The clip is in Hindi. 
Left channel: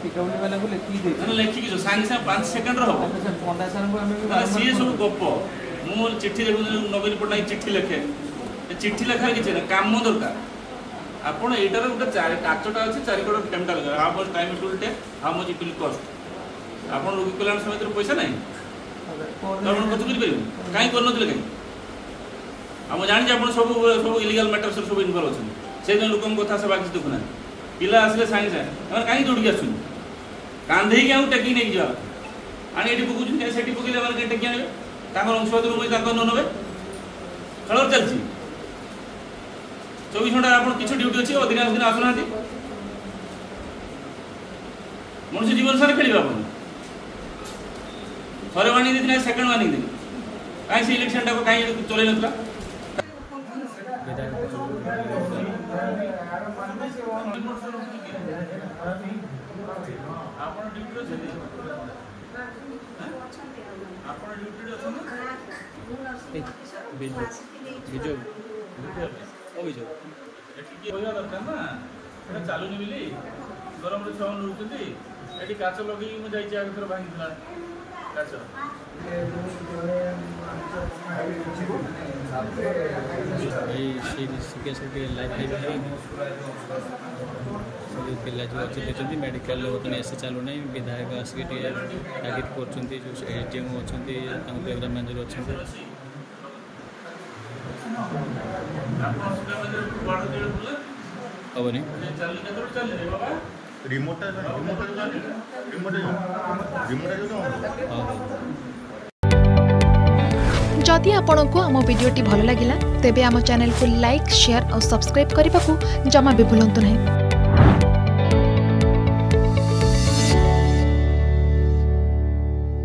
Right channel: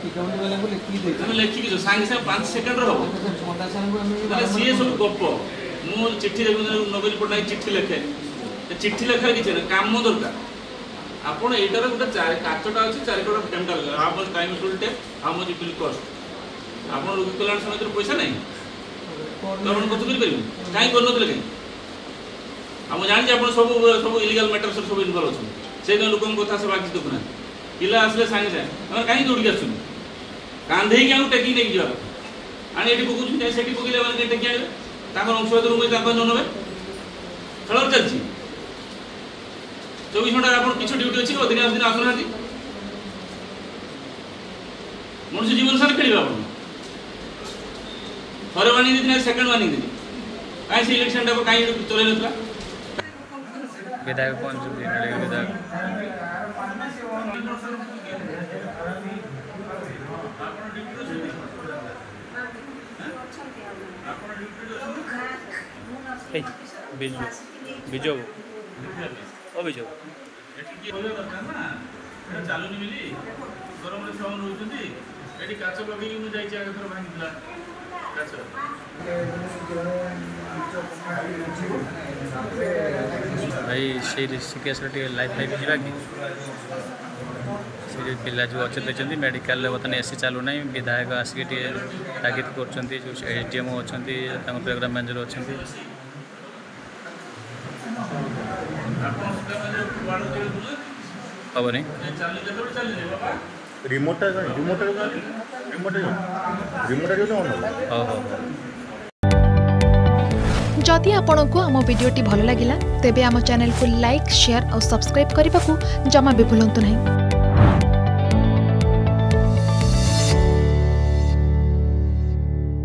लिखिकी सागे सागे 5 सेकंड हम सी सब गप मु चिट्ठी नवीन पट्टनायक चिट्ठी लिखे चिट्ठी लेखार किसी ना काम दरकार आपड़ यार गोटे काचटा अच्छी 4 करोड़ पेमेंट लगे how much time it will take how much it will cost आप रोगी कल्याण समिति पैसा ना खर्च करें कहीं करन कहीं जानी आप सब सब इलिगल मैटर सब इनवल्व अच्छे से लोक कथा से बाकी देखुना पिला आसले सागे सागे कहीं दौड़ी आस कांधे टेकी नहीं जावा आने ये पकड़ से पकड़े कहीं टेकी आने अंशवाद मुझे न ने खेल चलती 24 घंटा आप किसी ड्यूटी अच्छी अधिकांश दिन आसुना मनुष्य जीवन सारा खेल आप थे वार्निंग देती सेकेंड वार्निंग देती कहीं से इलेक्शन टाक कहीं चल ना विधायक कौन विधायक विजय अभिजोग चलुनि बोली गरम से रोचे ये काच लगे मुझे आगे थोड़ा भांगी काच भाई से केस लाइफ फाइव जावा कि से पिला जो अच्छे देखते मेडिकल बर्तमान एसी चलू ना विधायक आसिक तागिद कर एसडीएम अच्छा प्रोग्राम मैनेजर अच्छा हम नहीं रिमोट जदि आपंक आम भिडी भल लगा तेब आम चैनल को लाइक शेयर और सब्सक्राइब करने को जमा भी भूलु नहीं।